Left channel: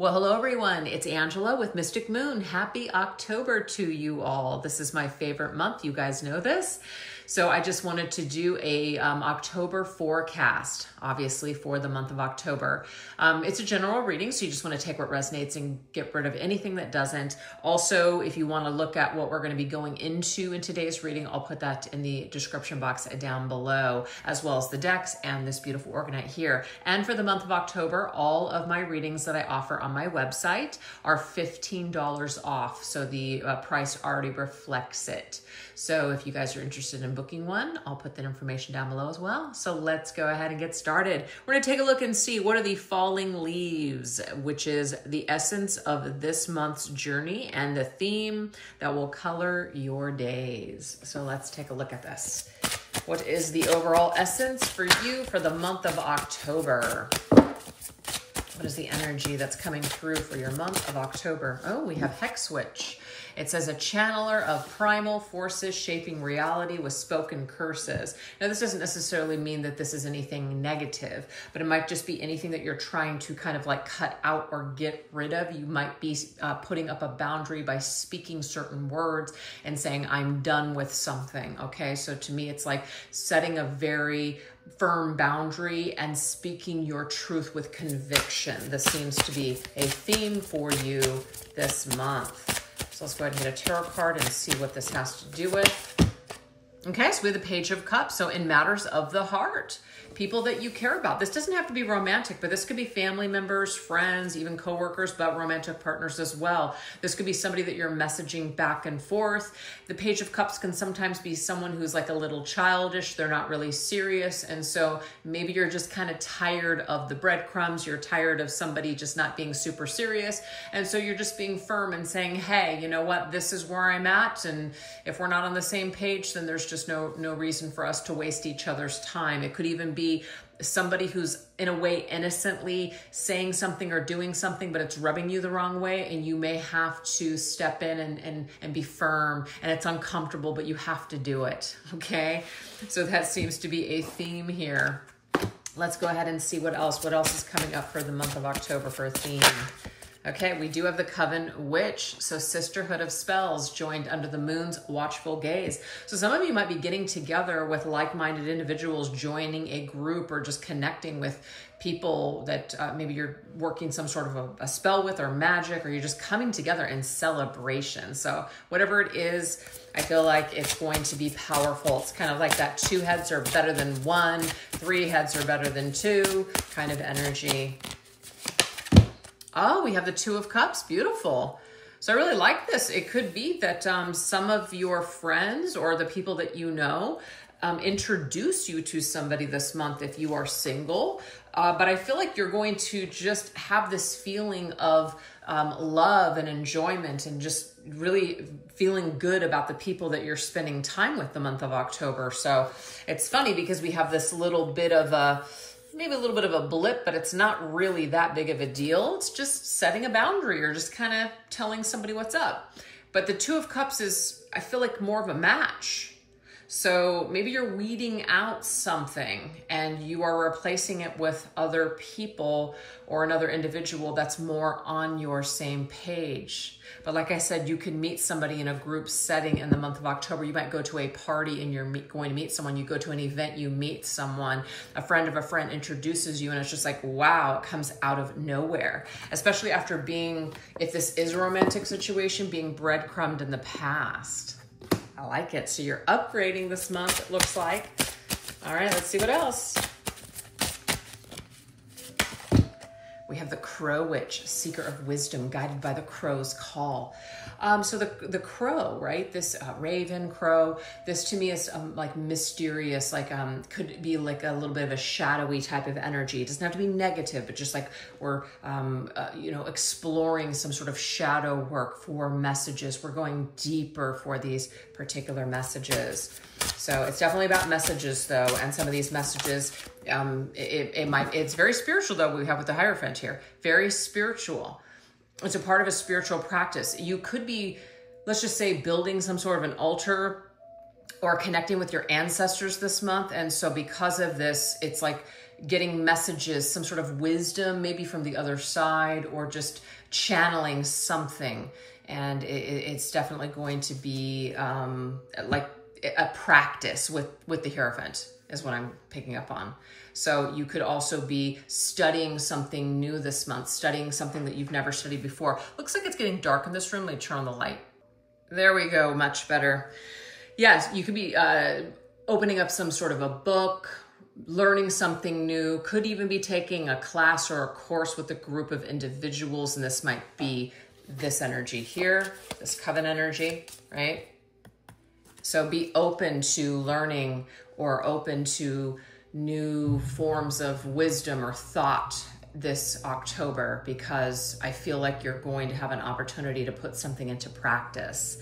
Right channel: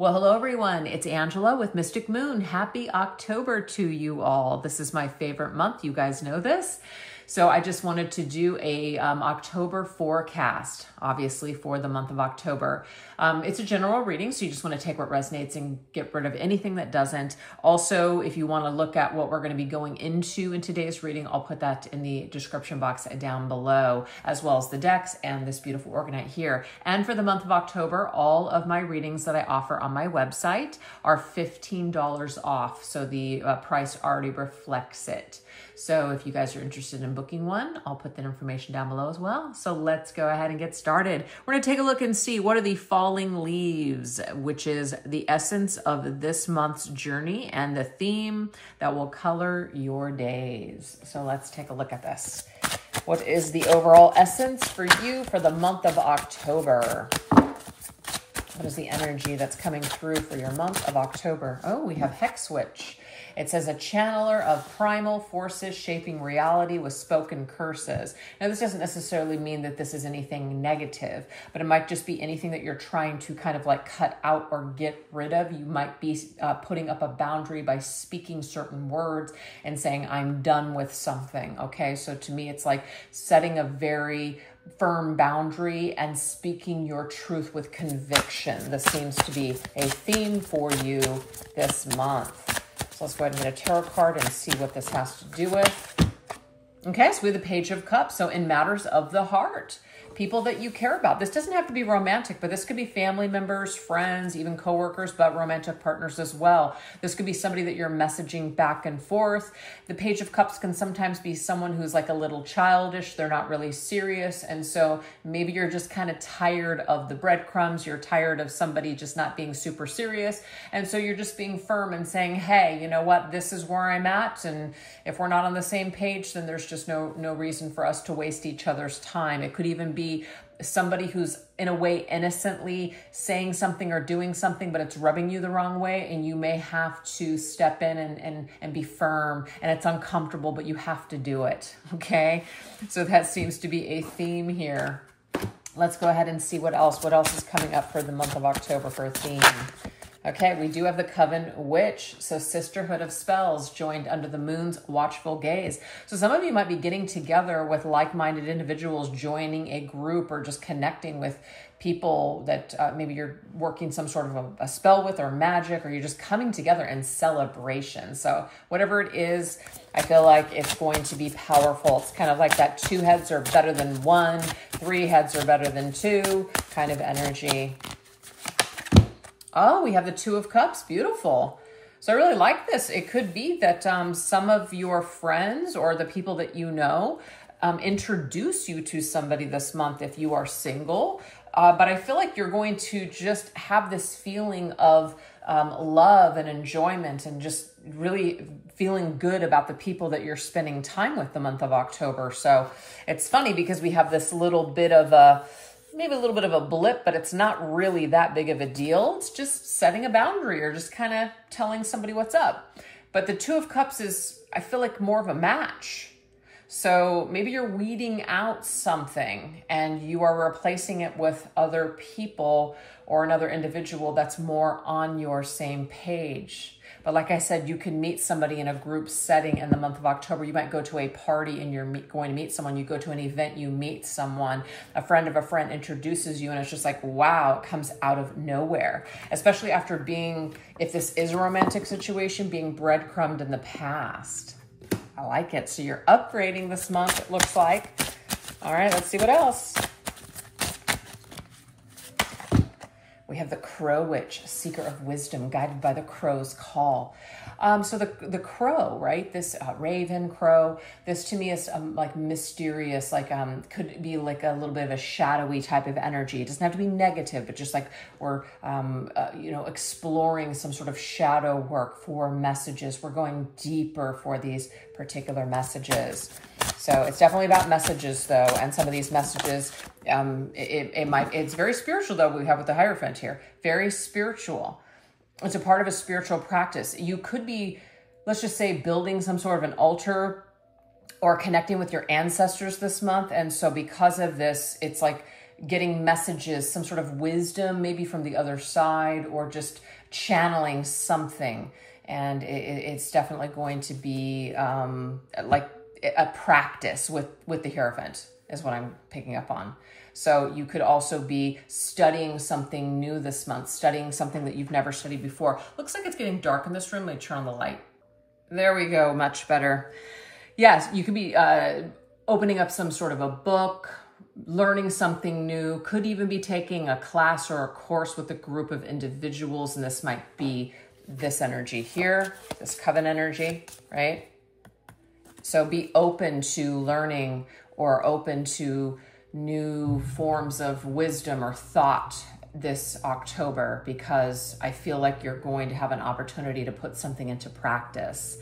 Well, hello everyone. It's Angela with Mystic Moon. Happy October to you all. This is my favorite month. You guys know this. So I just wanted to do a October forecast, obviously for the month of October. It's a general reading, so you just want to take what resonates and get rid of anything that doesn't. Also, if you want to look at what we're going to be going into in today's reading, I'll put that in the description box down below, as well as the decks and this beautiful orgonite here. And for the month of October, all of my readings that I offer on my website are $15 off, so the price already reflects it. So if you guys are interested in booking one, I'll put that information down below as well. So let's go ahead and get started. We're going to take a look and see what are the falling leaves, which is the essence of this month's journey and the theme that will color your days. So let's take a look at this. What is the overall essence for you for the month of October? What is the energy that's coming through for your month of October? Oh, we have Hex Switch. It says a channeler of primal forces shaping reality with spoken curses. Now, this doesn't necessarily mean that this is anything negative, but it might just be anything that you're trying to kind of like cut out or get rid of. You might be putting up a boundary by speaking certain words and saying, I'm done with something. Okay, so to me, it's like setting a very firm boundary and speaking your truth with conviction. This seems to be a theme for you this month. So let's go ahead and get a tarot card and see what this has to do with. Okay, so we have the Page of Cups. So in matters of the heart, people that you care about. This doesn't have to be romantic, but this could be family members, friends, even coworkers, but romantic partners as well. This could be somebody that you're messaging back and forth. The Page of Cups can sometimes be someone who's like a little childish. They're not really serious. And so maybe you're just kind of tired of the breadcrumbs. You're tired of somebody just not being super serious. And so you're just being firm and saying, hey, you know what? This is where I'm at. And if we're not on the same page, then there's just no reason for us to waste each other's time. It could even be somebody who's in a way innocently saying something or doing something, but it's rubbing you the wrong way, and you may have to step in and be firm, and it's uncomfortable, but you have to do it, okay? So that seems to be a theme here. Let's go ahead and see what else is coming up for the month of October for a theme. Okay, we do have the Coven Witch, so sisterhood of spells joined under the moon's watchful gaze. So some of you might be getting together with like-minded individuals, joining a group or just connecting with people that maybe you're working some sort of a spell with or magic, or you're just coming together in celebration. So whatever it is, I feel like it's going to be powerful. It's kind of like that 2 heads are better than 1, 3 heads are better than 2 kind of energy. Oh, we have the 2 of Cups. Beautiful. So I really like this. It could be that some of your friends or the people that you know introduce you to somebody this month if you are single. But I feel like you're going to just have this feeling of love and enjoyment and just really feeling good about the people that you're spending time with the month of October. So it's funny because we have this little bit of maybe a little bit of a blip, but it's not really that big of a deal. It's just setting a boundary or just kind of telling somebody what's up. But the 2 of Cups is, I feel like, more of a match. So maybe you're weeding out something and you are replacing it with other people or another individual that's more on your same page. But like I said, you can meet somebody in a group setting in the month of October. You might go to a party and you're going to meet someone. You go to an event, you meet someone. A friend of a friend introduces you, and it's just like, wow, it comes out of nowhere. Especially after being, if this is a romantic situation, being breadcrumbed in the past. I like it. So you're upgrading this month, it looks like. All right, let's see what else. We have the Crow Witch, seeker of wisdom, guided by the crow's call. So the crow, right? This raven crow, this to me is like mysterious, like could be like a little bit of a shadowy type of energy. It doesn't have to be negative, but just like we're, you know, exploring some sort of shadow work for messages. We're going deeper for these particular messages. So it's definitely about messages though. And some of these messages, it's very spiritual though. We have with the Hierophant here, very spiritual. It's a part of a spiritual practice. You could be, let's just say, building some sort of an altar or connecting with your ancestors this month. And so because of this, it's like getting messages, some sort of wisdom, maybe from the other side, or just channeling something. And it's definitely going to be like a practice with the Hierophant is what I'm picking up on. So you could also be studying something new this month, studying something that you've never studied before. Looks like it's getting dark in this room. Let me turn on the light. There we go, much better. Yes, you could be opening up some sort of a book, learning something new, could even be taking a class or a course with a group of individuals, and this might be this energy here, this coven energy, right? So be open to learning or open to new forms of wisdom or thought this October, because I feel like you're going to have an opportunity to put something into practice,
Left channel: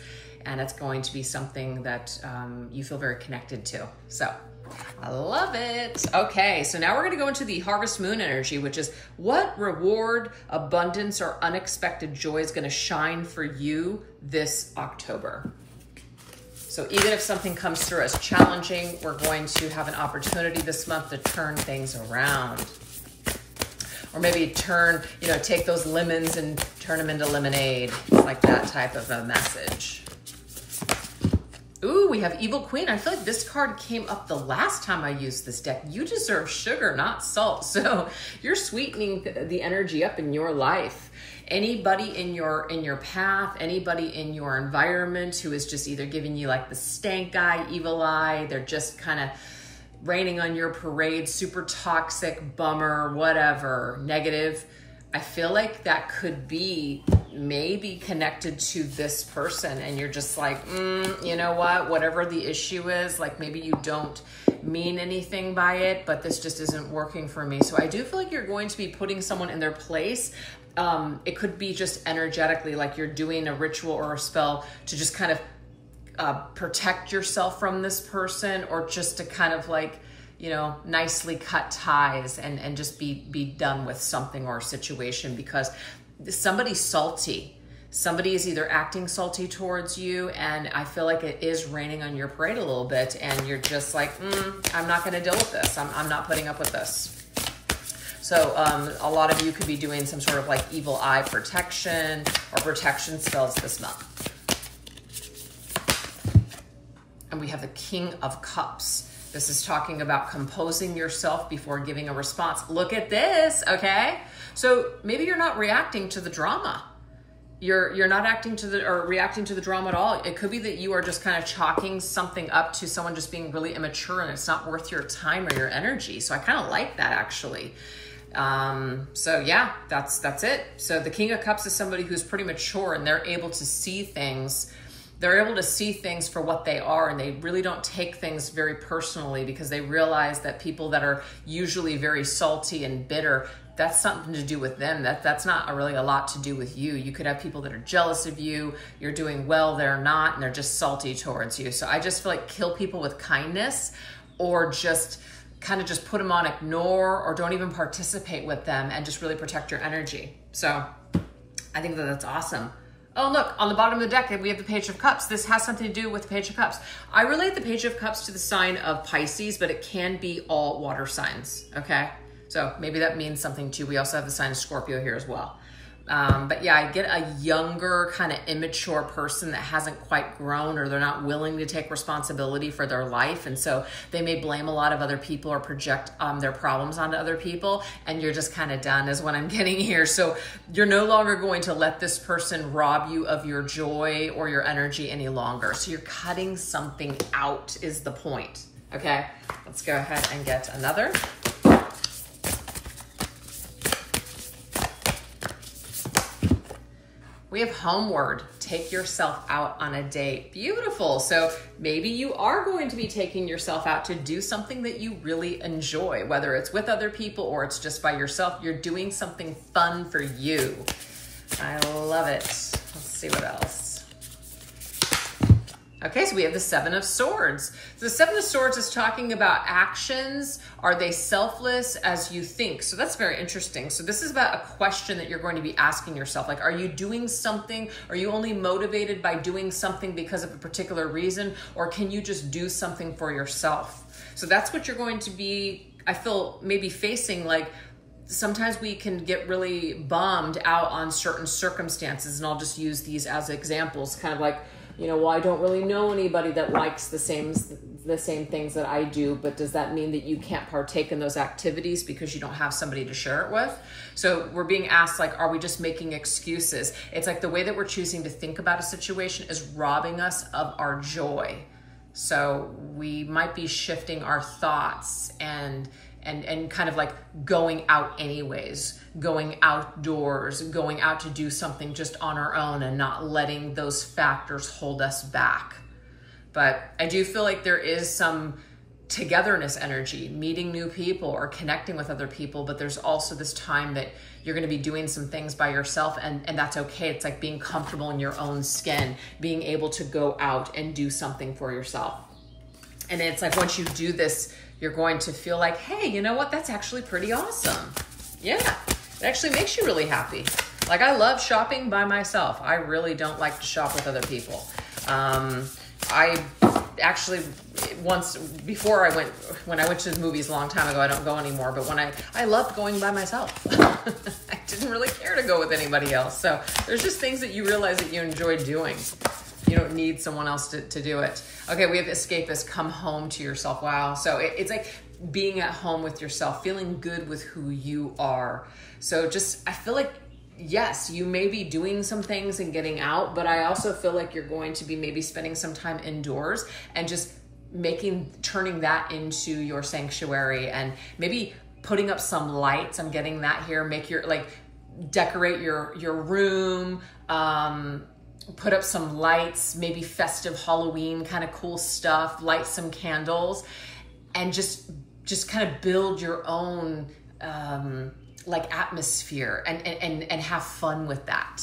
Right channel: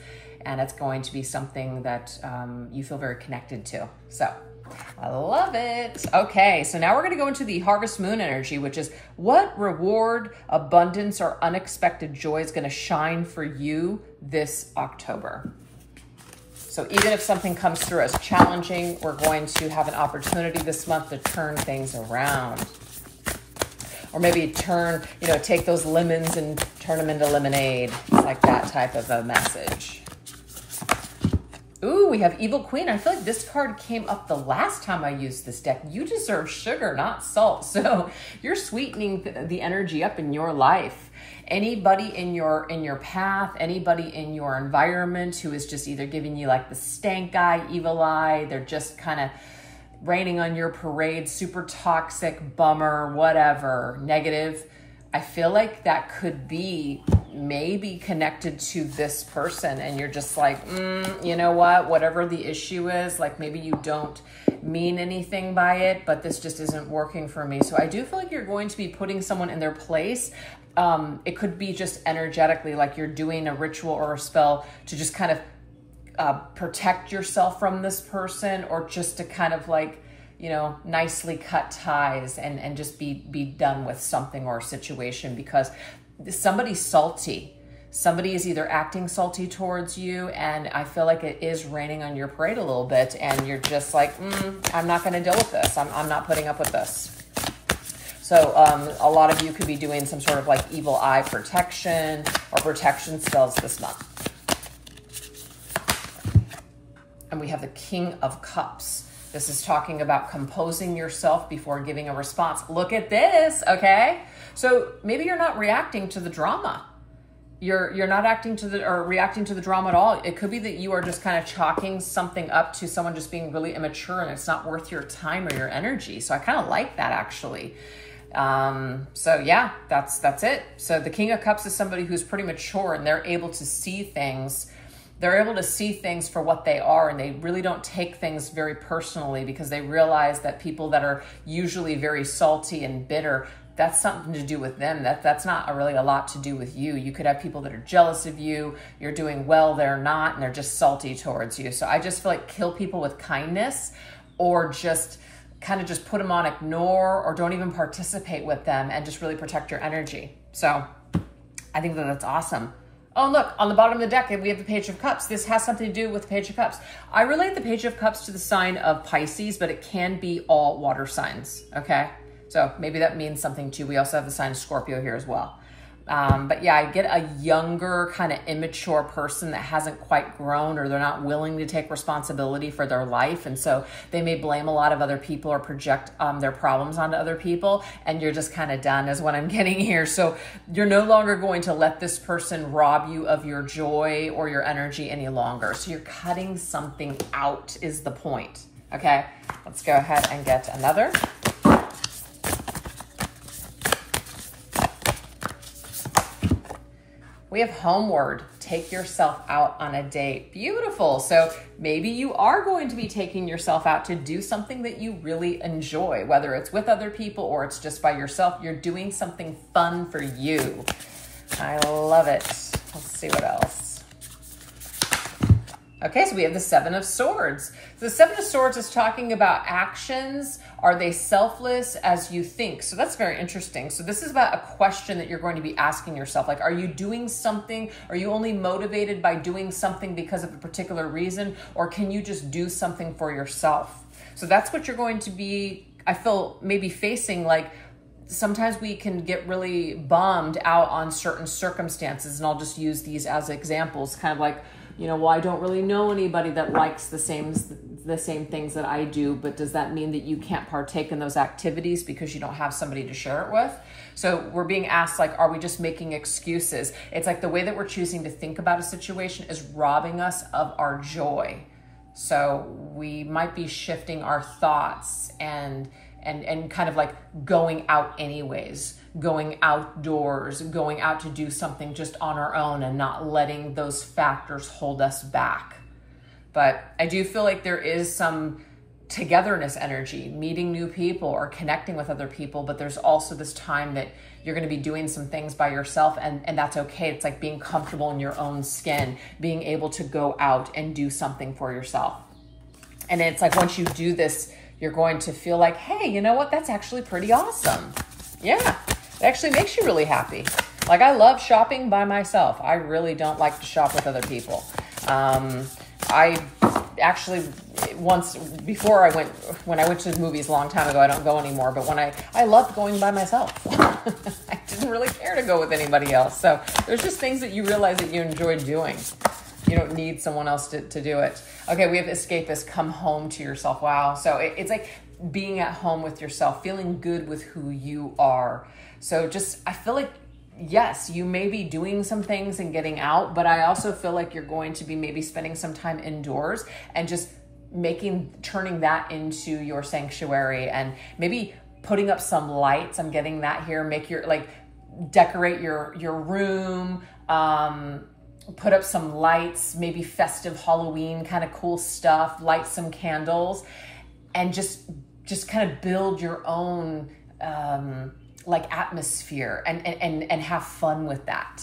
and it's going to be something that you feel very connected to. So I love it. Okay, so now we're going to go into the Harvest Moon energy, which is what reward, abundance, or unexpected joy is going to shine for you this October. So even if something comes through as challenging, we're going to have an opportunity this month to turn things around. Or maybe turn, take those lemons and turn them into lemonade, like that type of a message. Ooh, we have Evil Queen. I feel like this card came up the last time I used this deck. You deserve sugar, not salt. So you're sweetening the energy up in your life. Anybody in your path, anybody in your environment who is just either giving you like the stank eye, evil eye, they're just kind of raining on your parade, super toxic, bummer, whatever, negative. I feel like that could be maybe connected to this person, and you're just like, you know what, whatever the issue is, like maybe you don't mean anything by it, but this just isn't working for me. So I do feel like you're going to be putting someone in their place. It could be just energetically, like you're doing a ritual or a spell to just kind of protect yourself from this person, or just to kind of like, nicely cut ties and just be done with something or a situation, because somebody's salty. Somebody is either acting salty towards you, and I feel like it is raining on your parade a little bit, and you're just like, I'm not going to deal with this. I'm not putting up with this. So a lot of you could be doing some sort of like evil eye protection or protection spells this month. And we have the King of Cups. This is talking about composing yourself before giving a response. Look at this, okay? So maybe you're not reacting to the drama. You're not reacting to the drama at all. It could be that you are just kind of chalking something up to someone just being really immature, and it's not worth your time or your energy. So I kind of like that, actually. So yeah, that's it. So the King of Cups is somebody who's pretty mature, and they're able to see things. They're able to see things for what they are, and they really don't take things very personally, because they realize that people that are usually very salty and bitter, that's something to do with them. That's not really a lot to do with you. You could have people that are jealous of you. You're doing well, they're not, and they're just salty towards you. So I just feel like kill people with kindness, or just kind of just put them on ignore, or don't even participate with them, and just really protect your energy. So I think that that's awesome. Oh, look, on the bottom of the deck, we have the Page of Cups. This has something to do with the Page of Cups. I relate the Page of Cups to the sign of Pisces, but it can be all water signs, okay? So maybe that means something too. We also have the sign of Scorpio here as well. But yeah, I get a younger, kind of immature person that hasn't quite grown, or they're not willing to take responsibility for their life. And so they may blame a lot of other people or project their problems onto other people. And you're just kind of done is what I'm getting here. So you're no longer going to let this person rob you of your joy or your energy any longer. So you're cutting something out is the point. Okay, let's go ahead and get another. We have Homeward. Take yourself out on a date. Beautiful. So maybe you are going to be taking yourself out to do something that you really enjoy, whether it's with other people or it's just by yourself. You're doing something fun for you. I love it. Let's see what else. Okay, so we have the Seven of Swords. So the Seven of Swords is talking about actions. Are they selfless as you think? So that's very interesting. So this is about a question that you're going to be asking yourself. Like, are you doing something? Are you only motivated by doing something because of a particular reason? Or can you just do something for yourself? So that's what you're going to be I feel maybe facing, like, sometimes we can get really bummed out on certain circumstances, and I'll just use these as examples, kind of like, you know, well, I don't really know anybody that likes the same things that I do, but does that mean that you can't partake in those activities because you don't have somebody to share it with? So we're being asked, like, are we just making excuses? It's like the way that we're choosing to think about a situation is robbing us of our joy. So we might be shifting our thoughts and kind of like going out anyways, going outdoors, going out to do something just on our own and not letting those factors hold us back. But I do feel like there is some togetherness energy, meeting new people or connecting with other people, but there's also this time that you're going to be doing some things by yourself, and that's okay. It's like being comfortable in your own skin, being able to go out and do something for yourself. And it's like once you do this, you're going to feel like, hey, you know what? That's actually pretty awesome. Yeah, it actually makes you really happy. Like, I love shopping by myself. I really don't like to shop with other people. I actually once, before when I went to the movies a long time ago, I don't go anymore, but when I loved going by myself. I didn't really care to go with anybody else. So there's just things that you realize that you enjoy doing. You don't need someone else to do it. Okay, we have escapist, come home to yourself. Wow. So it's like being at home with yourself, feeling good with who you are. So just, I feel like, yes, you may be doing some things and getting out, but I also feel like you're going to be maybe spending some time indoors and just turning that into your sanctuary, and maybe putting up some lights. I'm getting that here. Make your, like, decorate your room, put up some lights, maybe festive Halloween kind of cool stuff, light some candles, and just kind of build your own like atmosphere and have fun with that.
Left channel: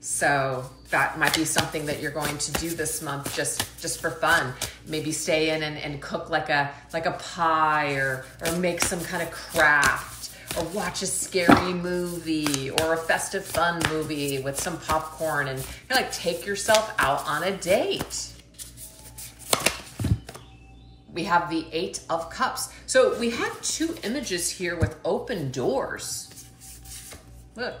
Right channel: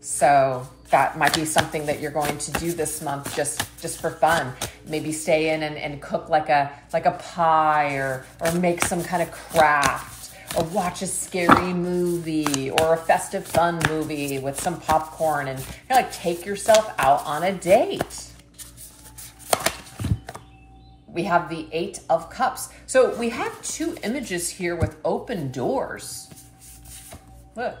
So that might be something that you're going to do this month just for fun. Maybe stay in and cook like a pie, or make some kind of craft, or watch a scary movie or a festive fun movie with some popcorn, and like take yourself out on a date. We have the 8 of Cups. So we have 2 images here with open doors. Look,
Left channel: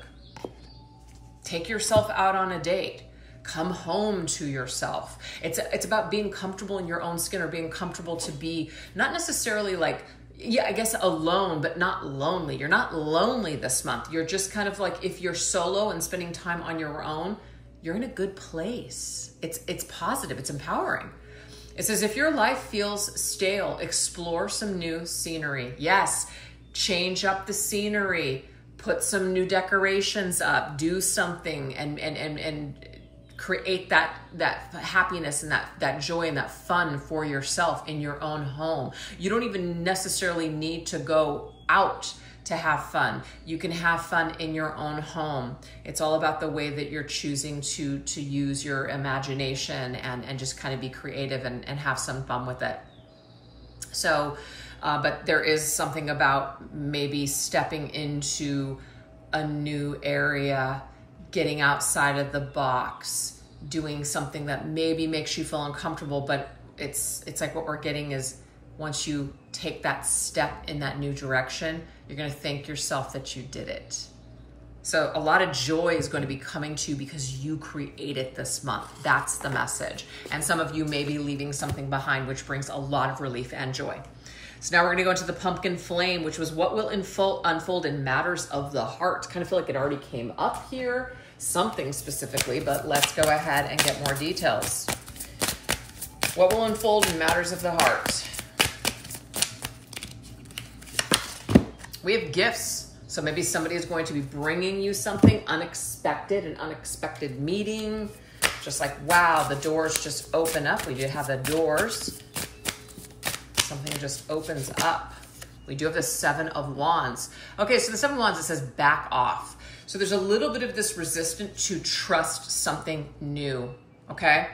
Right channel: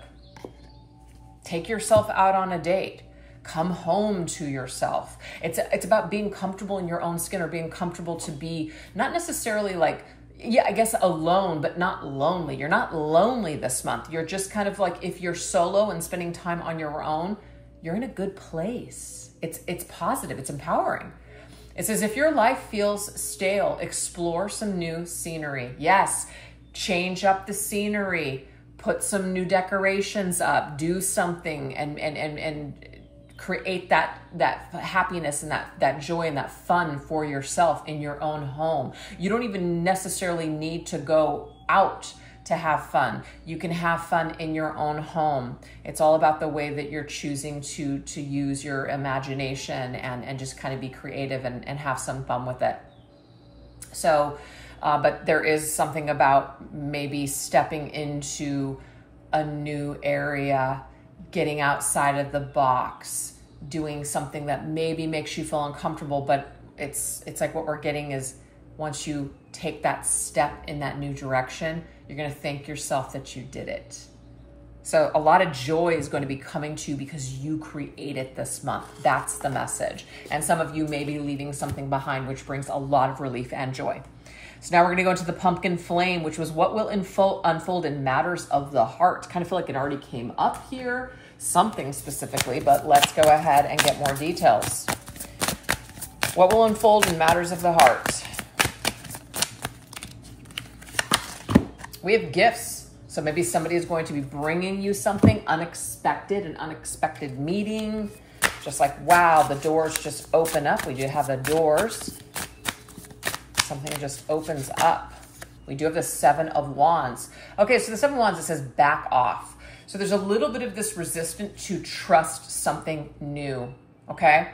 take yourself out on a date. Come home to yourself. It's about being comfortable in your own skin, or being comfortable to be not necessarily like, yeah, I guess alone, but not lonely. You're not lonely this month. You're just kind of like, if you're solo and spending time on your own, you're in a good place. It's positive, it's empowering. It says, if your life feels stale, explore some new scenery. Yes, change up the scenery, put some new decorations up, do something, and create that happiness and that joy and that fun for yourself in your own home. You don't even necessarily need to go out to have fun. You can have fun in your own home. It's all about the way that you're choosing to use your imagination and just kind of be creative and have some fun with it. So, but there is something about maybe stepping into a new area, getting outside of the box, doing something that maybe makes you feel uncomfortable, but it's like what we're getting is, once you take that step in that new direction, you're going to thank yourself that you did it. So a lot of joy is going to be coming to you because you created this month. That's the message. And some of you may be leaving something behind, which brings a lot of relief and joy. So now we're going to go into the pumpkin flame, which was what will unfold in matters of the heart. Kind of feel like it already came up here, something specifically, but let's go ahead and get more details. What will unfold in matters of the heart? We have gifts. So maybe somebody is going to be bringing you something unexpected, an unexpected meeting. Just like, wow, the doors just open up. We do have the doors. Something just opens up. We do have the 7 of Wands. Okay, so the 7 of Wands, it says back off. So there's a little bit of this resistance to trust something new, okay?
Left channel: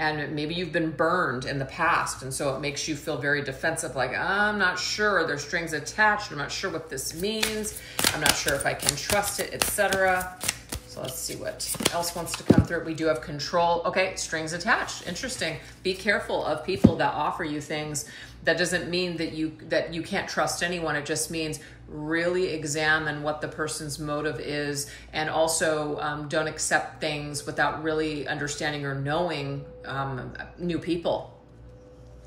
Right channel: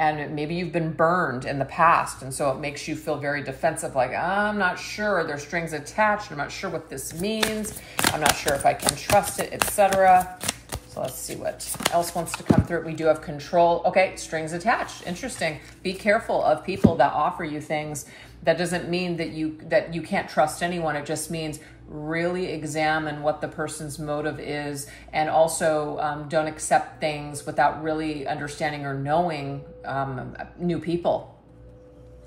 And maybe you've been burned in the past, and so it makes you feel very defensive, like, I'm not sure, there's strings attached, I'm not sure what this means, I'm not sure if I can trust it, etc. So So let's see what else wants to come through. We do have control. Okay, strings attached. Interesting. Be careful of people that offer you things. That doesn't mean that you can't trust anyone. It just means really examine what the person's motive is, and also don't accept things without really understanding or knowing new people.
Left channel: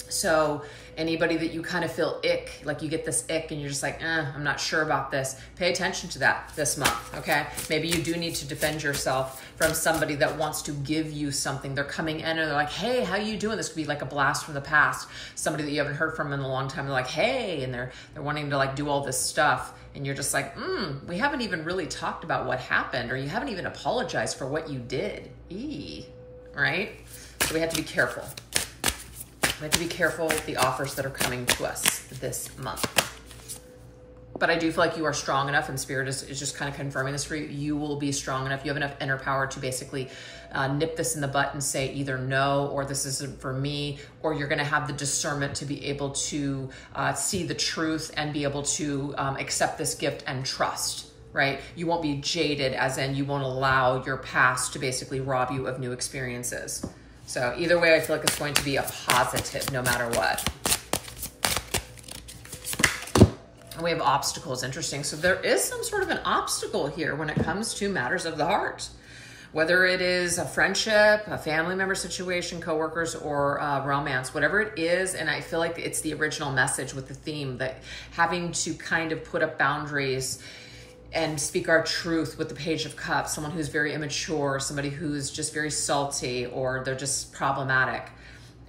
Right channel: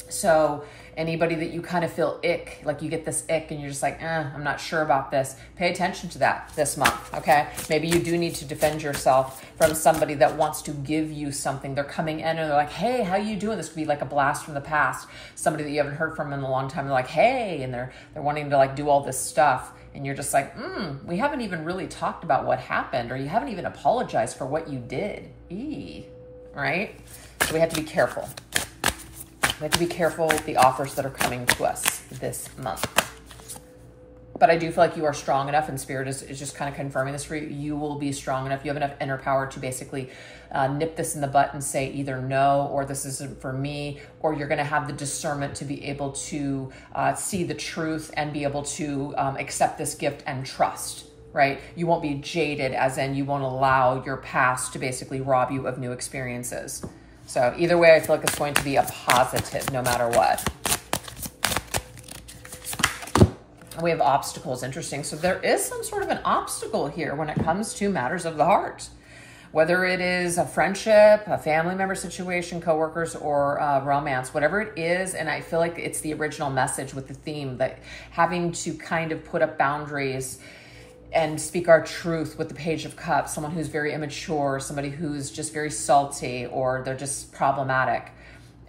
So anybody that you kind of feel ick, like you get this ick and you're just like, I'm not sure about this, pay attention to that this month, okay? Maybe you do need to defend yourself from somebody that wants to give you something. They're coming in and they're like, hey, how you doing? This could be like a blast from the past. Somebody that you haven't heard from in a long time. They're like, hey, and they're wanting to like do all this stuff. And you're just like, we haven't even really talked about what happened, or you haven't even apologized for what you did. Right? So we have to be careful. We have to be careful with the offers that are coming to us this month. But I do feel like you are strong enough, and Spirit is just kind of confirming this for you. You will be strong enough. You have enough inner power to basically nip this in the butt and say either no, or this isn't for me, or you're going to have the discernment to be able to see the truth and be able to accept this gift and trust, right? You won't be jaded, as in you won't allow your past to basically rob you of new experiences. So either way, I feel like it's going to be a positive no matter what. And we have obstacles. Interesting. So there is some sort of an obstacle here when it comes to matters of the heart. Whether it is a friendship, a family member situation, coworkers, or romance, whatever it is. And I feel like it's the original message with the theme, that having to kind of put up boundaries and speak our truth with the Page of Cups, someone who's very immature, somebody who's just very salty, or they're just problematic.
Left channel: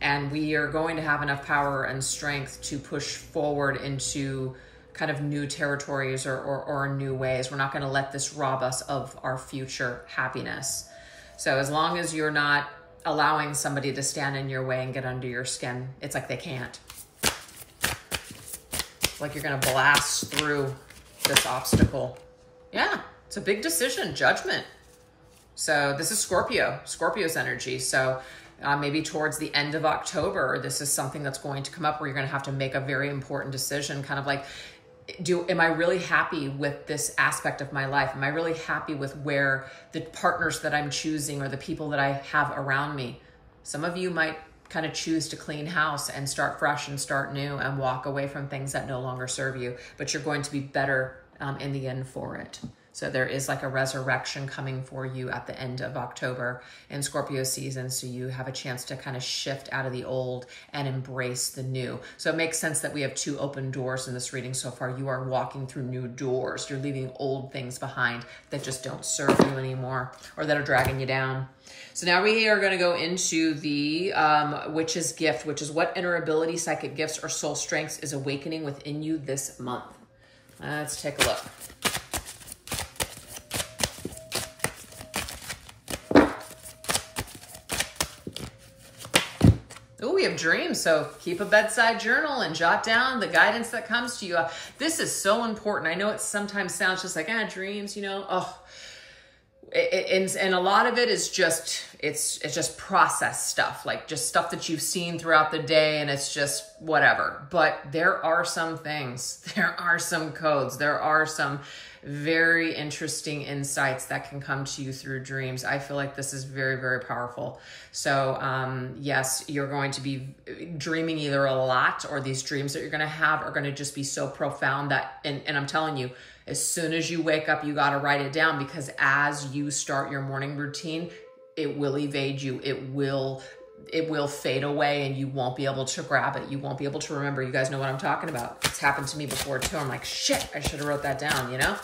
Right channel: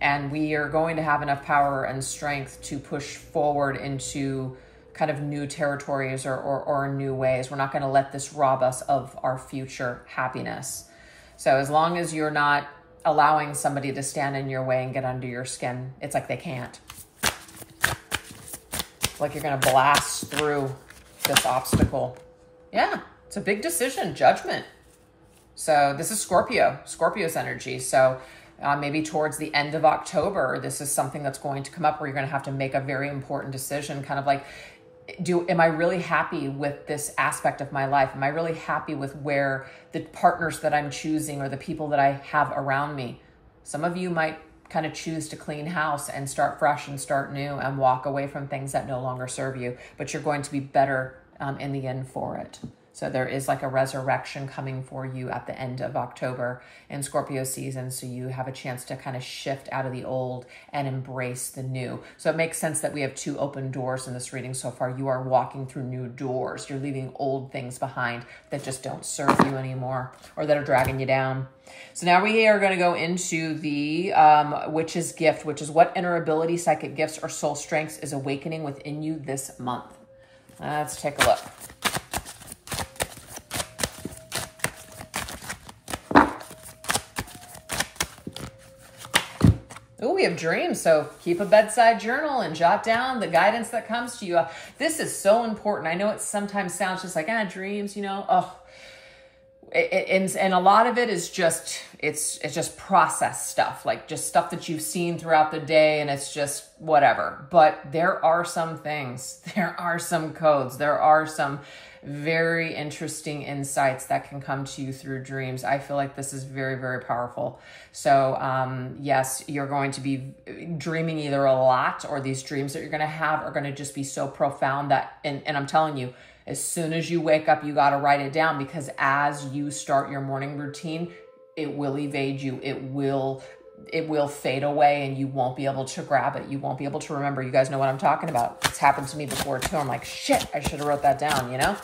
And we are going to have enough power and strength to push forward into kind of new territories or new ways. We're not going to let this rob us of our future happiness. So as long as you're not allowing somebody to stand in your way and get under your skin, it's like they can't. It's like you're going to blast through this obstacle. Yeah, it's a big decision, judgment. So this is Scorpio's energy. So maybe towards the end of October, this is something that's going to come up where you're going to have to make a very important decision, kind of like, am I really happy with this aspect of my life? Am I really happy with where the partners that I'm choosing or the people that I have around me? Some of you might kind of choose to clean house and start fresh and start new and walk away from things that no longer serve you, but you're going to be better in the end for it. So there is like a resurrection coming for you at the end of October in Scorpio season. So you have a chance to kind of shift out of the old and embrace the new. So it makes sense that we have 2 open doors in this reading so far. You are walking through new doors. You're leaving old things behind that just don't serve you anymore, or that are dragging you down. So now we are going to go into the Witch's Gift, which is what inner ability, psychic gifts, or soul strengths is awakening within you this month. Let's take a look. Oh, we have dreams. So keep a bedside journal and jot down the guidance that comes to you. This is so important. I know it sometimes sounds just like, dreams, you know, and a lot of it is just, it's just process stuff, like just stuff that you've seen throughout the day, and it's just whatever. But there are some things, there are some codes, there are some very interesting insights that can come to you through dreams. I feel like this is very, very powerful. So yes, you're going to be dreaming either a lot, or these dreams that you're going to have are going to just be so profound that, and I'm telling you, as soon as you wake up, you got to write it down, because as you start your morning routine, it will evade you. It will fade away, and you won't be able to grab it. You won't be able to remember. You guys know what I'm talking about. It's happened to me before too. I'm like, shit, I should have wrote that down, you know?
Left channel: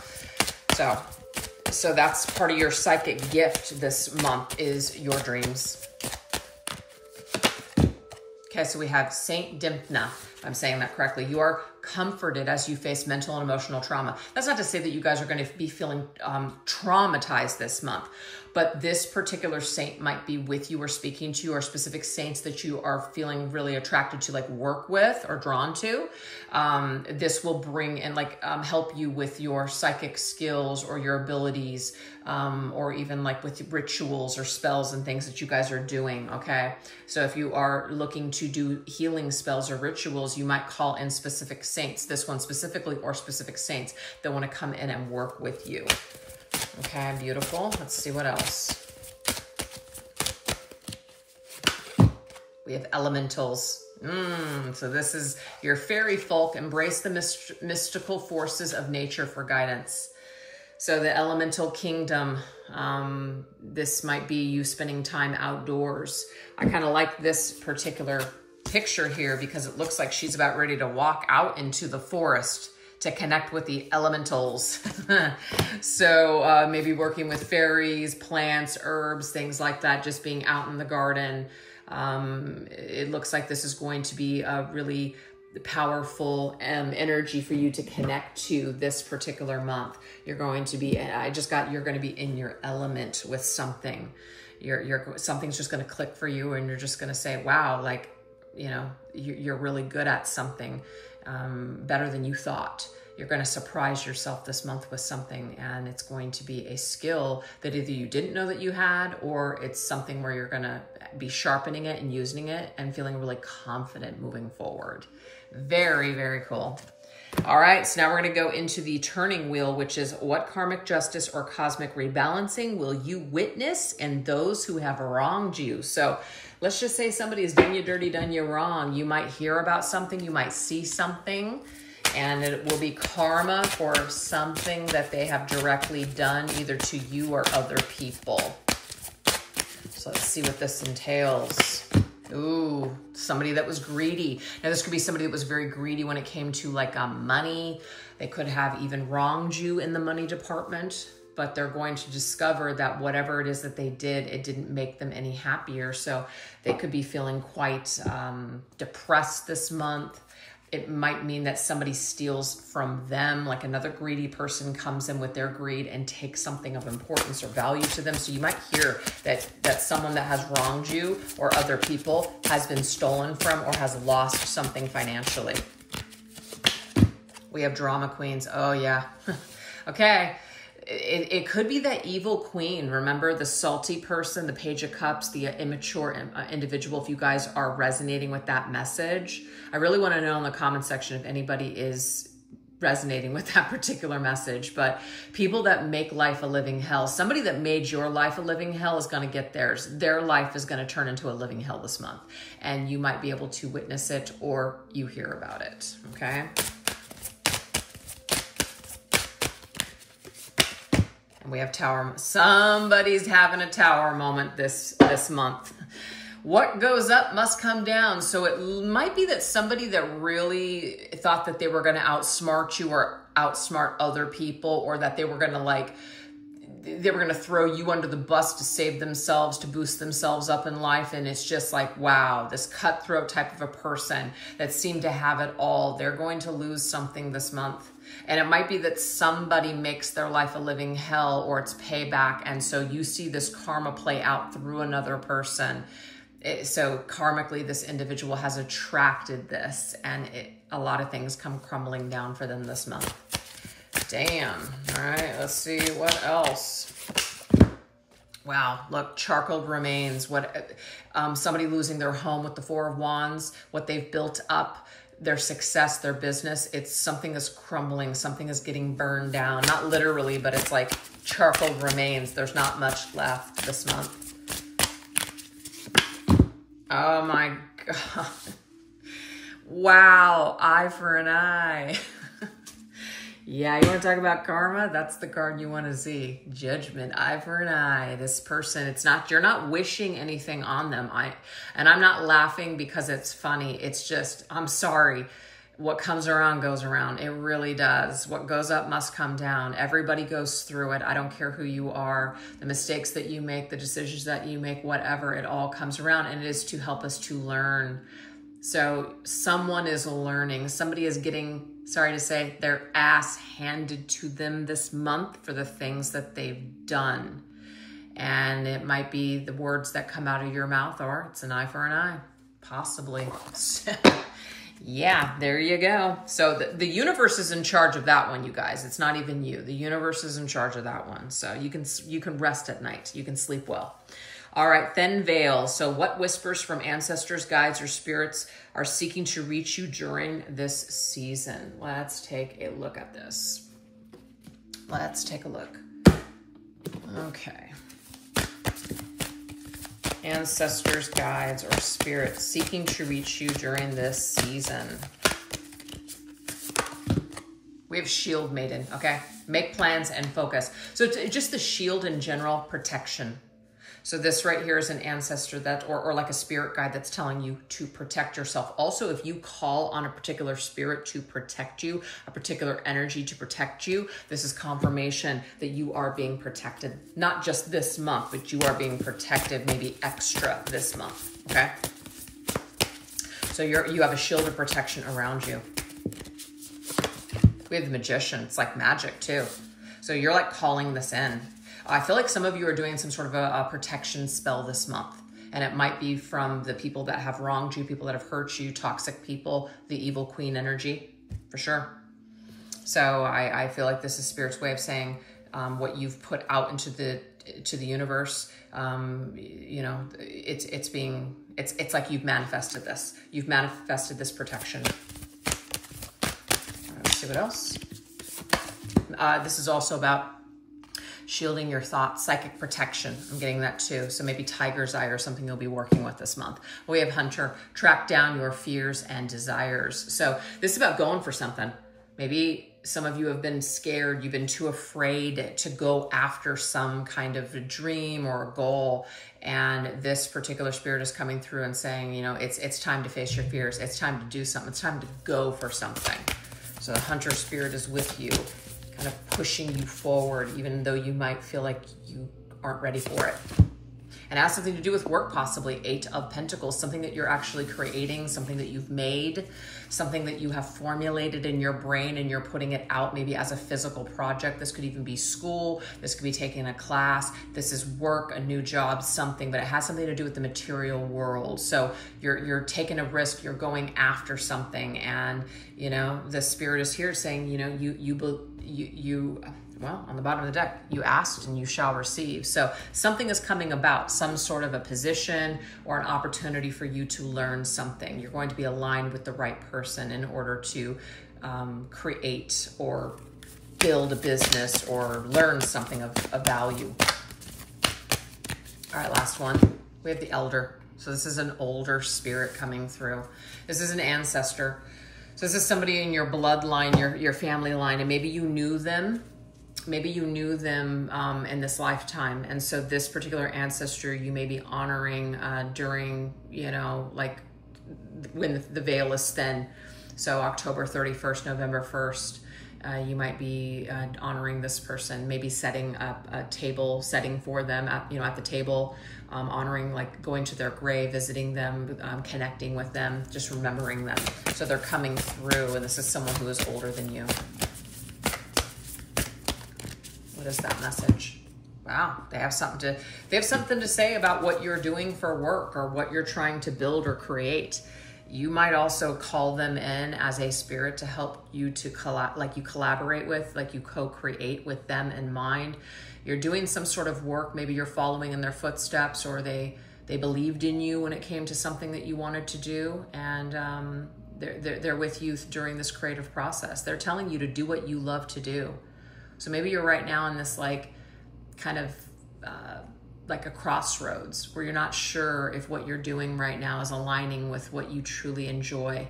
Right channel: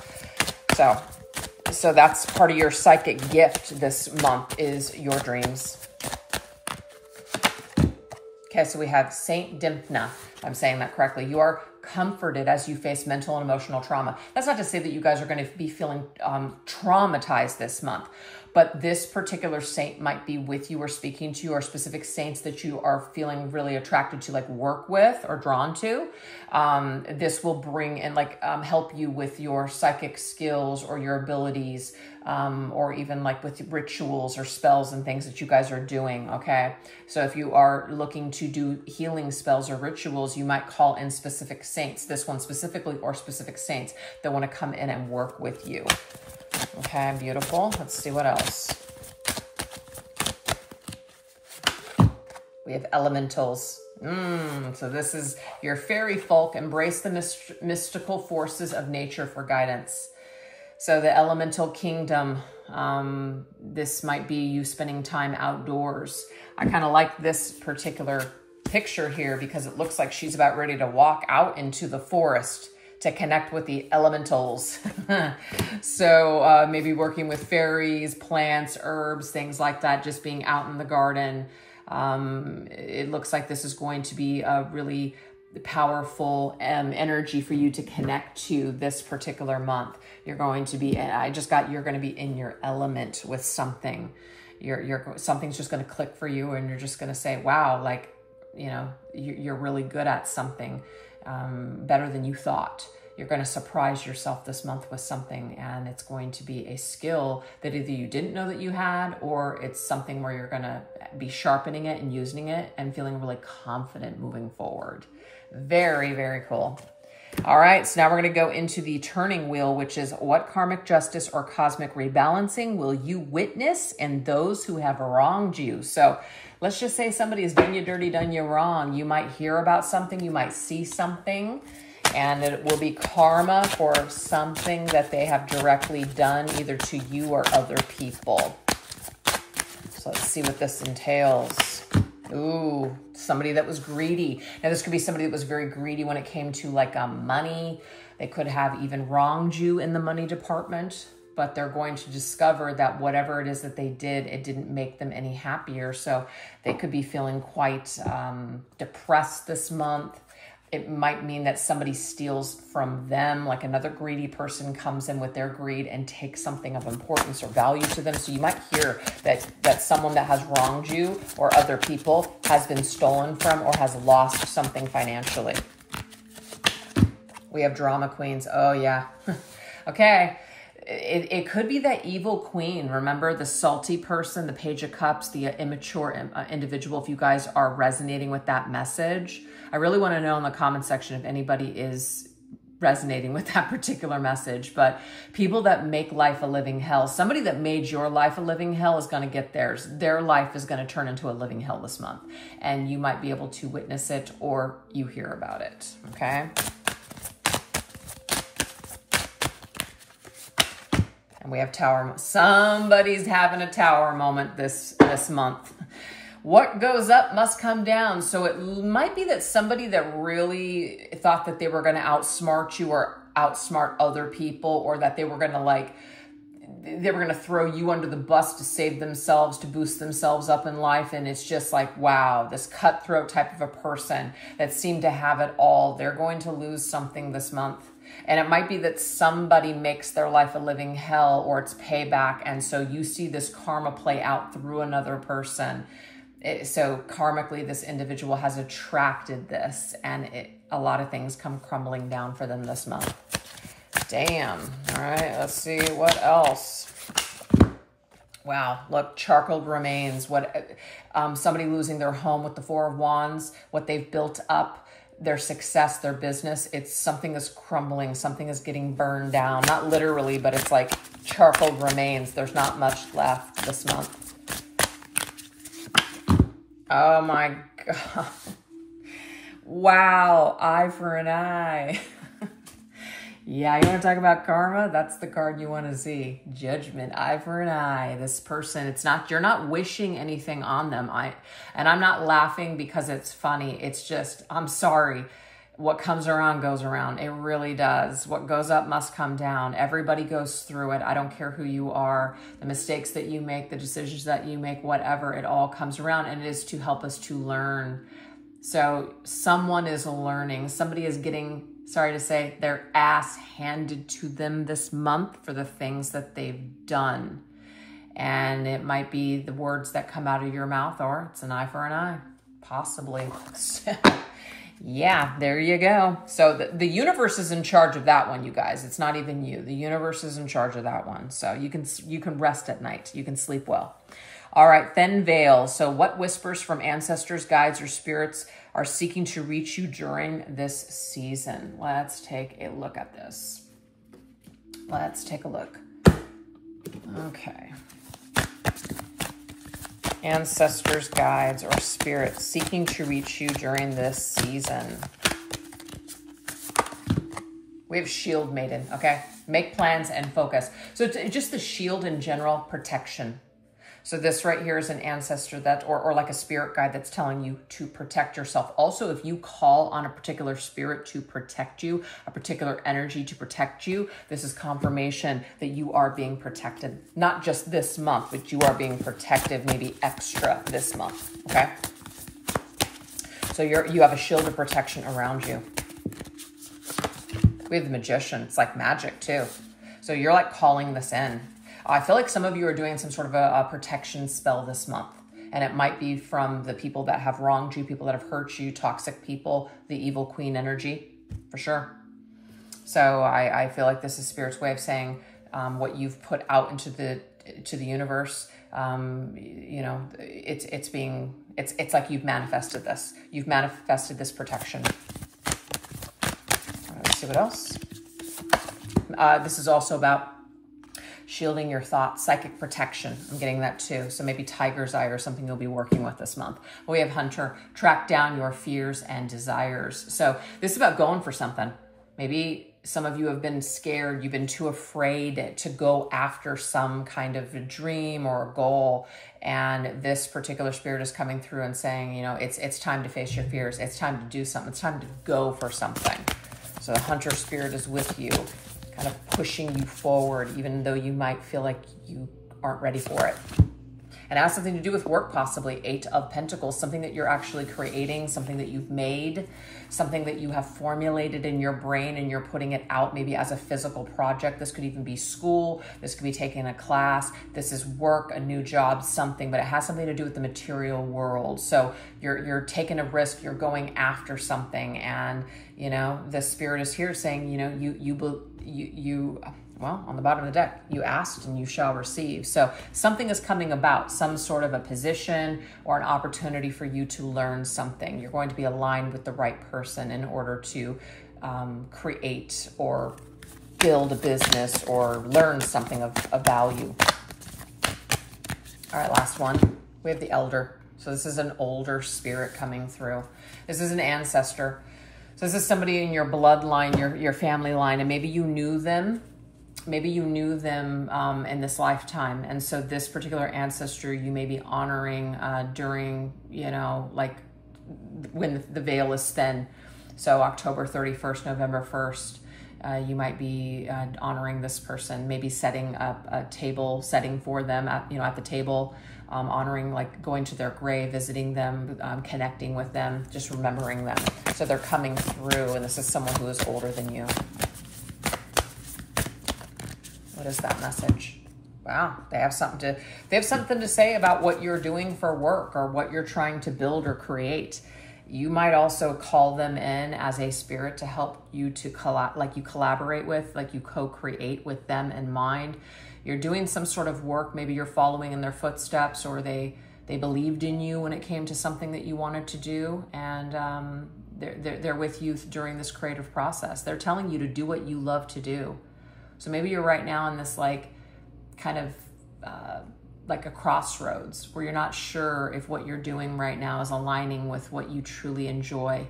So that's part of your psychic gift this month, is your dreams. Okay, so we have Saint Dimphna, if I'm saying that correctly. You are comforted as you face mental and emotional trauma. That's not to say that you guys are going to be feeling traumatized this month, but this particular saint might be with you or speaking to you, or specific saints that you are feeling really attracted to, like work with or drawn to. This will bring and help you with your psychic skills or your abilities, or even like with rituals or spells and things that you guys are doing, okay? So if you are looking to do healing spells or rituals, you might call in specific saints, this one specifically, or specific saints that want to come in and work with you. Okay, beautiful. Let's see what else. We have elementals. So this is your fairy folk. Embrace the mystical forces of nature for guidance. So the elemental kingdom, this might be you spending time outdoors. I kind of like this particular picture here because it looks like she's about ready to walk out into the forest to connect with the elementals. So maybe working with fairies, plants, herbs, things like that, just being out in the garden. It looks like this is going to be a really powerful energy for you to connect to this particular month. You're going to be, you're going to be in your element with something. Something's just going to click for you, and you're just going to say, wow, like, you know, you're really good at something, better than you thought. You're going to surprise yourself this month with something, and it's going to be a skill that either you didn't know that you had, or it's something where you're going to be sharpening it and using it and feeling really confident moving forward. Very, very cool. All right, so now we're going to go into the turning wheel, which is what karmic justice or cosmic rebalancing will you witness in those who have wronged you? So let's just say somebody has done you dirty, done you wrong. You might hear about something, you might see something, and it will be karma for something that they have directly done either to you or other people. So let's see what this entails. Ooh, somebody that was greedy. Now this could be somebody that was very greedy when it came to like money. They could have even wronged you in the money department, but they're going to discover that whatever it is that they did, it didn't make them any happier. So they could be feeling quite depressed this month. It might mean that somebody steals from them, like another greedy person comes in with their greed and takes something of importance or value to them. So you might hear that someone that has wronged you or other people has been stolen from or has lost something financially. We have drama queens. Oh, yeah. Okay. It could be that evil queen. Remember the salty person, the Page of Cups, the immature individual. If you guys are resonating with that message, I really want to know in the comment section if anybody is resonating with that particular message. But people that make life a living hell, somebody that made your life a living hell is going to get theirs. Their life is going to turn into a living hell this month. And you might be able to witness it or you hear about it. Okay. And we have tower. Somebody's having a tower moment this month. What goes up must come down. So it might be that somebody that really thought that they were going to outsmart you or outsmart other people, or that they were going to throw you under the bus to save themselves, to boost themselves up in life. And it's just like, wow, this cutthroat type of a person that seemed to have it all, they're going to lose something this month. And it might be that somebody makes their life a living hell, or it's payback. And so you see this karma play out through another person. So karmically, this individual has attracted this, and a lot of things come crumbling down for them this month. Damn. All right, let's see what else. Wow, look, charcoal remains. Somebody losing their home with the Four of Wands, what they've built up, their success, their business. It's something is crumbling, something is getting burned down. Not literally, but it's like charcoal remains. There's not much left this month. Oh my God. Wow, eye for an eye. Yeah, you want to talk about karma? That's the card you want to see. Judgment, eye for an eye. This person, you're not wishing anything on them. And I'm not laughing because it's funny. It's just, I'm sorry. What comes around goes around. It really does. What goes up must come down. Everybody goes through it. I don't care who you are. The mistakes that you make, the decisions that you make, whatever, it all comes around, and it is to help us to learn. So someone is learning. Somebody is getting, sorry to say, their ass handed to them this month for the things that they've done. And it might be the words that come out of your mouth, or it's an eye for an eye, possibly. Yeah, there you go. So the universe is in charge of that one, you guys. It's not even you. The universe is in charge of that one. So you can rest at night. You can sleep well. All right, thin veil. So what whispers from ancestors, guides, or spirits are seeking to reach you during this season? Let's take a look at this. Let's take a look. Okay. Ancestors, guides, or spirits seeking to reach you during this season. We have shield maiden, okay? Make plans and focus. So it's just the shield in general, protection. So this right here is an ancestor that, or like a spirit guide that's telling you to protect yourself. Also, if you call on a particular spirit to protect you, a particular energy to protect you, this is confirmation that you are being protected. Not just this month, but you are being protected maybe extra this month, okay? So you have a shield of protection around you. We have the magician. It's like magic too. So you're like calling this in. I feel like some of you are doing some sort of a protection spell this month. And it might be from the people that have wronged you, people that have hurt you, toxic people, the evil queen energy, for sure. So I feel like this is Spirit's way of saying what you've put out into the universe. You know, it's like you've manifested this. You've manifested this protection. Let's see what else. This is also about shielding your thoughts, psychic protection. I'm getting that too. So maybe tiger's eye or something you'll be working with this month. We have hunter, track down your fears and desires. So this is about going for something. Maybe some of you have been scared. You've been too afraid to go after some kind of a dream or a goal. And this particular spirit is coming through and saying, you know, it's time to face your fears. It's time to do something. It's time to go for something. So the hunter spirit is with you, kind of pushing you forward, even though you might feel like you aren't ready for it. And it has something to do with work, possibly. 8 of Pentacles, something that you're actually creating, something that you've made, something that you have formulated in your brain and you're putting it out maybe as a physical project. This could even be school. This could be taking a class. This is work, a new job, something, but it has something to do with the material world. So you're taking a risk, you're going after something. And, you know, the spirit is here saying, you know, well, on the bottom of the deck, you asked and you shall receive. So something is coming about, some sort of a position or an opportunity for you to learn something. You're going to be aligned with the right person in order to create or build a business or learn something of value. All right, last one. We have the elder. So this is an older spirit coming through. This is an ancestor. So this is somebody in your bloodline, your family line, and maybe you knew them. Maybe you knew them in this lifetime. And so this particular ancestor you may be honoring during, you know, like when the veil is thin. So October 31st, November 1st, you might be honoring this person, maybe setting up a table setting for them at, you know, at the table, honoring, like going to their grave, visiting them, connecting with them, just remembering them. So they're coming through, and this is someone who is older than you. What is that message? Wow, they have something to say about what you're doing for work or what you're trying to build or create. You might also call them in as a spirit to help you to collaborate with, like you co-create with them in mind. You're doing some sort of work. Maybe you're following in their footsteps, or they believed in you when it came to something that you wanted to do, and they're with you during this creative process. They're telling you to do what you love to do. So maybe you're right now in this like kind of like a crossroads where you're not sure if what you're doing right now is aligning with what you truly enjoy.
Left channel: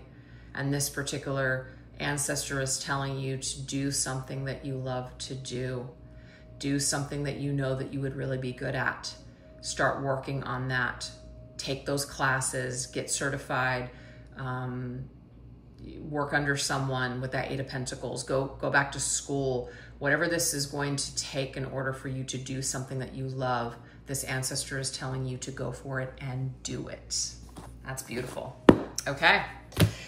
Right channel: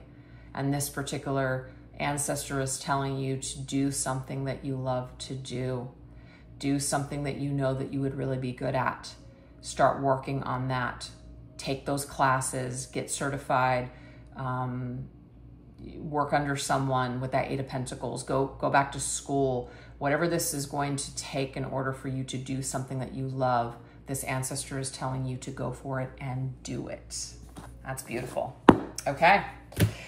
And this particular ancestor is telling you to do something that you love to do. Do something that you know that you would really be good at. Start working on that. Take those classes, get certified, work under someone with that 8 of Pentacles, go back to school. Whatever this is going to take in order for you to do something that you love, this ancestor is telling you to go for it and do it. That's beautiful. Okay,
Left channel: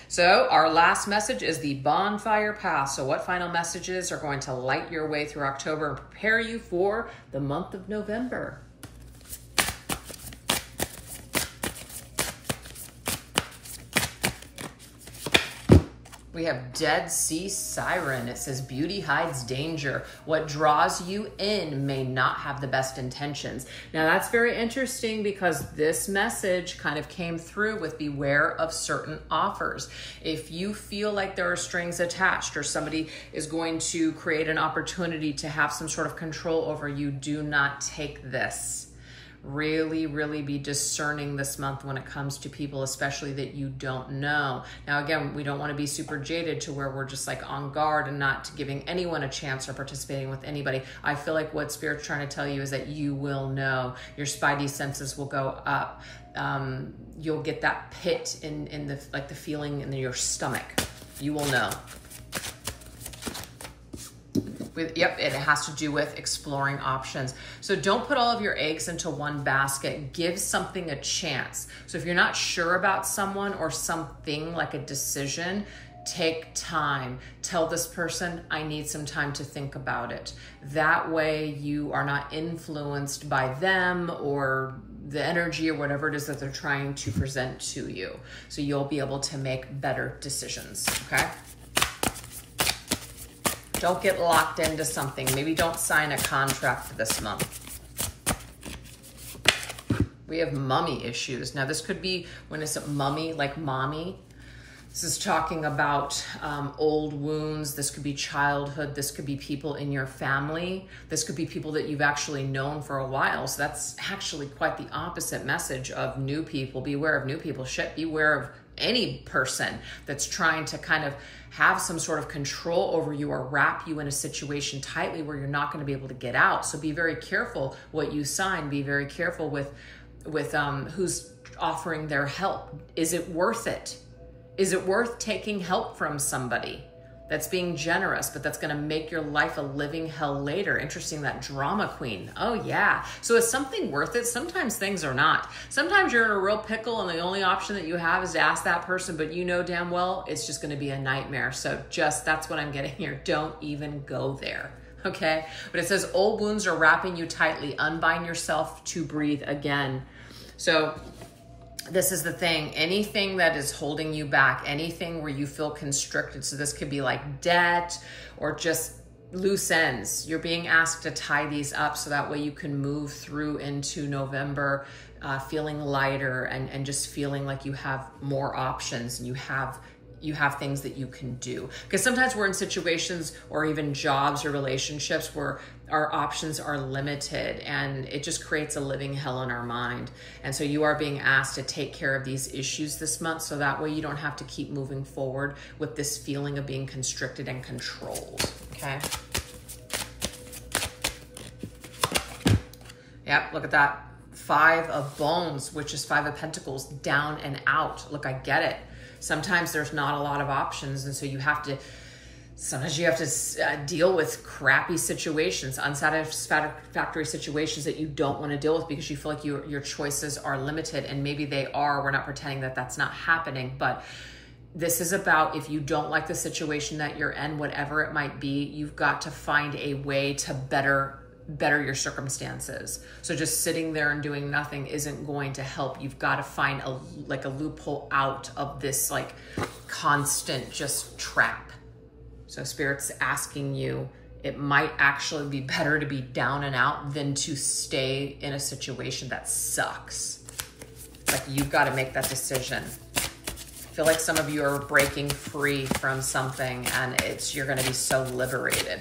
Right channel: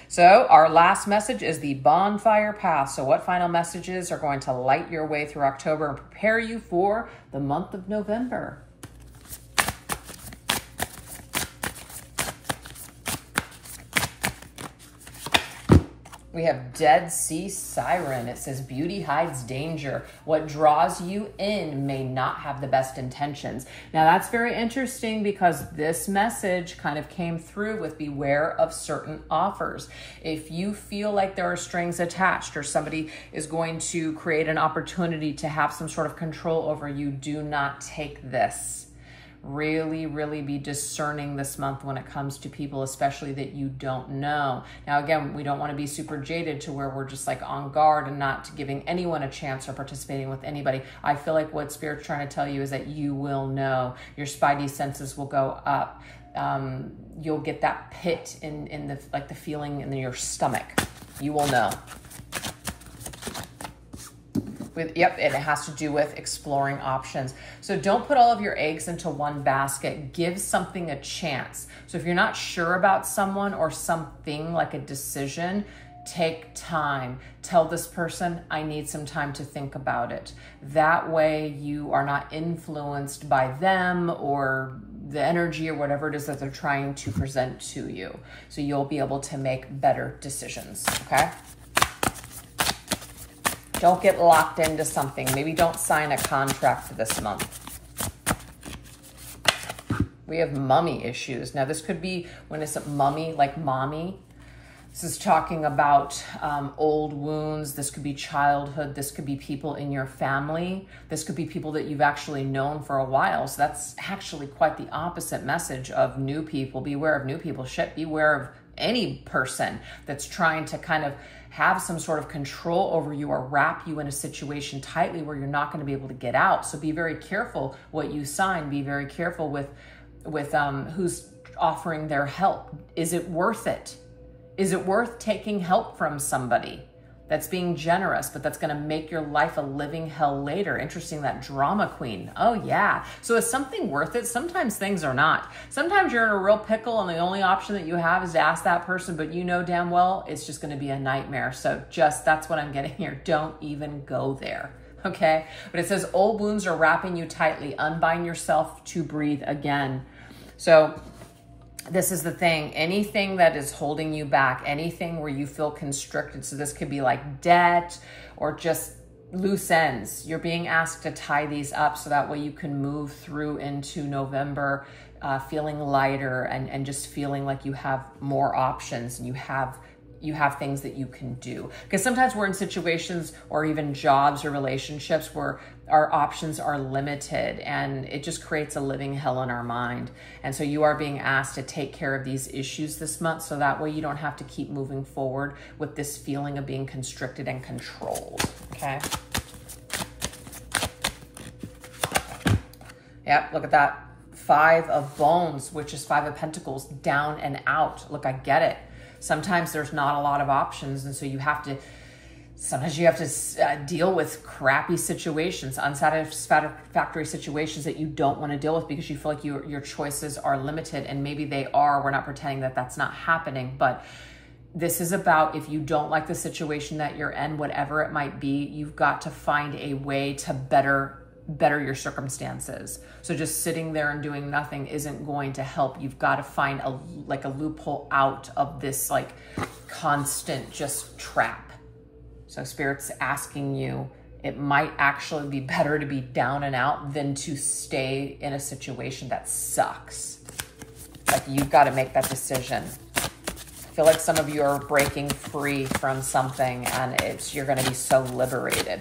so our last message is the bonfire path. So what final messages are going to light your way through October and prepare you for the month of November? We have Dead Sea Siren. It says, beauty hides danger. What draws you in may not have the best intentions. Now that's very interesting because this message kind of came through with beware of certain offers. If you feel like there are strings attached or somebody is going to create an opportunity to have some sort of control over you, do not take this. Really, really be discerning this month when it comes to people, especially that you don't know. Now, again, we don't want to be super jaded to where we're just like on guard and not giving anyone a chance or participating with anybody. I feel like what Spirit's trying to tell you is that you will know. Your spidey senses will go up. You'll get that pit in the, like the feeling in your stomach. You will know. Yep, it has to do with exploring options. So don't put all of your eggs into one basket. Give something a chance. So if you're not sure about someone or something like a decision, take time. Tell this person, I need some time to think about it. That way you are not influenced by them or the energy or whatever it is that they're trying to present to you. So you'll be able to make better decisions, okay? Don't get locked into something. Maybe don't sign a contract for this month. We have mummy issues. Now this could be, when it's mummy, like mommy. This is talking about old wounds. This could be childhood. This could be people in your family. This could be people that you've actually known for a while. So that's actually quite the opposite message of new people. Beware of new people. Shit, beware of any person that's trying to kind of have some sort of control over you or wrap you in a situation tightly where you're not going to be able to get out. So be very careful what you sign. Be very careful with who's offering their help. Is it worth it? Is it worth taking help from somebody that's being generous, but that's going to make your life a living hell later? Interesting, that drama queen. Oh yeah. So is something worth it? Sometimes things are not. Sometimes you're in a real pickle and the only option that you have is to ask that person, but you know damn well it's just going to be a nightmare. So just, that's what I'm getting here. Don't even go there. Okay. But it says old wounds are wrapping you tightly. Unbind yourself to breathe again. So this is the thing, anything that is holding you back, anything where you feel constricted. So this could be like debt or just loose ends. You're being asked to tie these up so that way you can move through into November feeling lighter and just feeling like you have more options and you have things that you can do. Because sometimes we're in situations or even jobs or relationships where our options are limited and it just creates a living hell in our mind. And so you are being asked to take care of these issues this month so that way you don't have to keep moving forward with this feeling of being constricted and controlled, okay? Yep, look at that. 5 of Bones, which is 5 of Pentacles, down and out. Look, I get it. Sometimes there's not a lot of options, and so sometimes you have to deal with crappy situations, unsatisfactory situations that you don't want to deal with because you feel like your choices are limited, and maybe they are. We're not pretending that that's not happening, but this is about if you don't like the situation that you're in, whatever it might be, you've got to find a way to better your circumstances. So just sitting there and doing nothing isn't going to help. You've got to find a loophole out of this like constant just trap. So Spirit's asking you, it might actually be better to be down and out than to stay in a situation that sucks. Like you've got to make that decision. I feel like some of you are breaking free from something and you're going to be so liberated.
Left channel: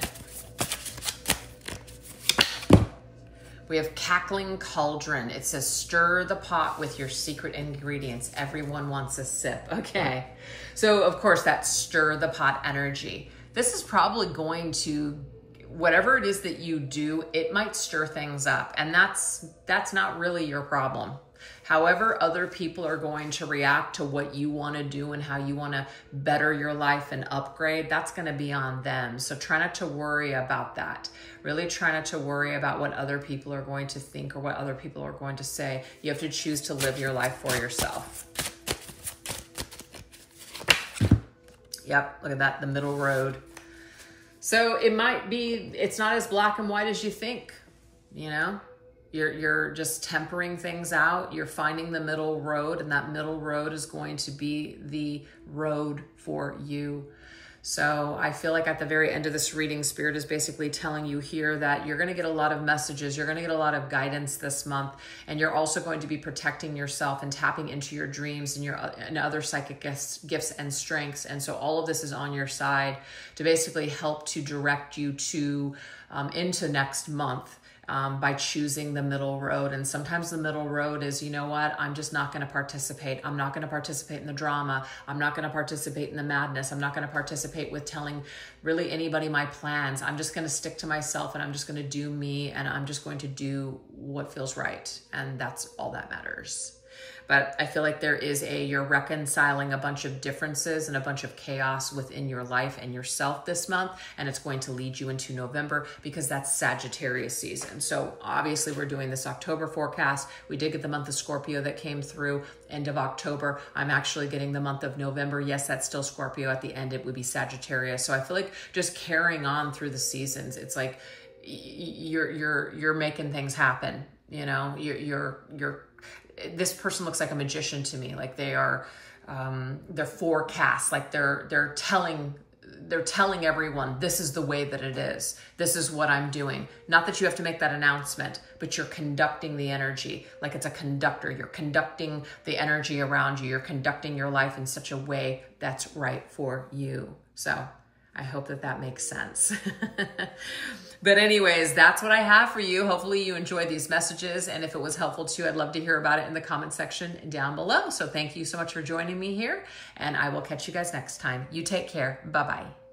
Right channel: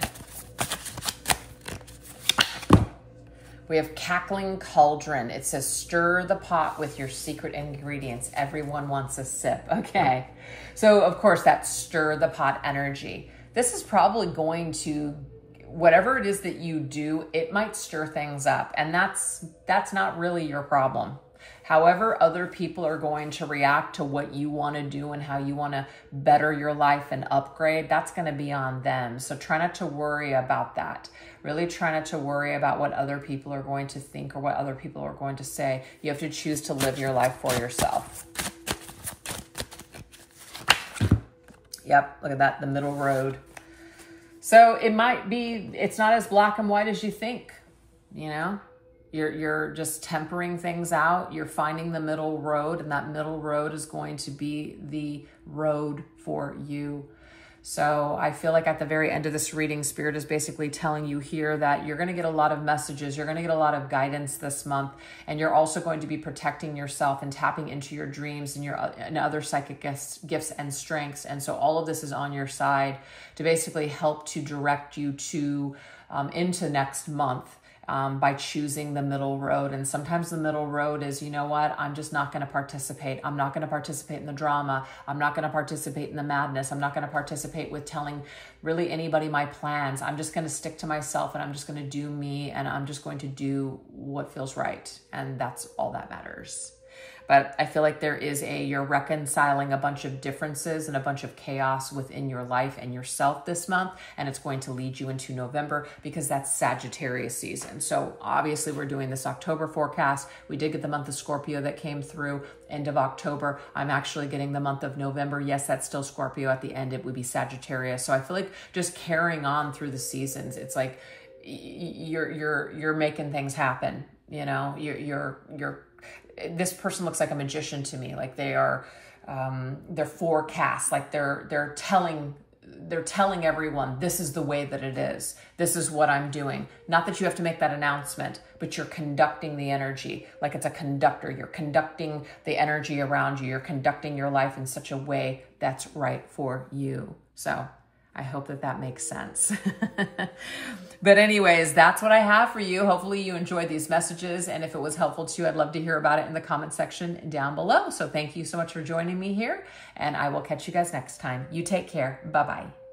We have Cackling Cauldron. It says, stir the pot with your secret ingredients. Everyone wants a sip. Okay. So of course that stir the pot energy. This is probably going to, whatever it is that you do, it might stir things up. And that's not really your problem. However other people are going to react to what you want to do and how you want to better your life and upgrade, that's going to be on them. So try not to worry about that. Really try not to worry about what other people are going to think or what other people are going to say. You have to choose to live your life for yourself. Yep, look at that, the middle road. So it might be, it's not as black and white as you think, you know? You're just tempering things out. You're finding the middle road, and that middle road is going to be the road for you. So I feel like at the very end of this reading, Spirit is basically telling you here that you're going to get a lot of messages. You're going to get a lot of guidance this month. And you're also going to be protecting yourself and tapping into your dreams and other psychic gifts and strengths. And so all of this is on your side to basically help to direct you to into next month. By choosing the middle road. And sometimes the middle road is, you know what, I'm just not going to participate. I'm not going to participate in the drama. I'm not going to participate in the madness. I'm not going to participate with telling really anybody my plans. I'm just going to stick to myself, and I'm just going to do me, and I'm just going to do what feels right. And that's all that matters. But I feel like you're reconciling a bunch of differences and a bunch of chaos within your life and yourself this month. And it's going to lead you into November because that's Sagittarius season. So obviously we're doing this October forecast. We did get the month of Scorpio that came through end of October. I'm actually getting the month of November. Yes, that's still Scorpio. At the end, it would be Sagittarius. So I feel like just carrying on through the seasons, it's like you're making things happen. You know, this person looks like a magician to me. Like they're forecast, like they're telling everyone, this is the way that it is. This is what I'm doing. Not that you have to make that announcement, but you're conducting the energy like it's a conductor. You're conducting the energy around you. You're conducting your life in such a way that's right for you. So I hope that makes sense. But anyways, that's what I have for you. Hopefully you enjoyed these messages. And if it was helpful to you, I'd love to hear about it in the comment section down below. So thank you so much for joining me here. And I will catch you guys next time. You take care. Bye-bye.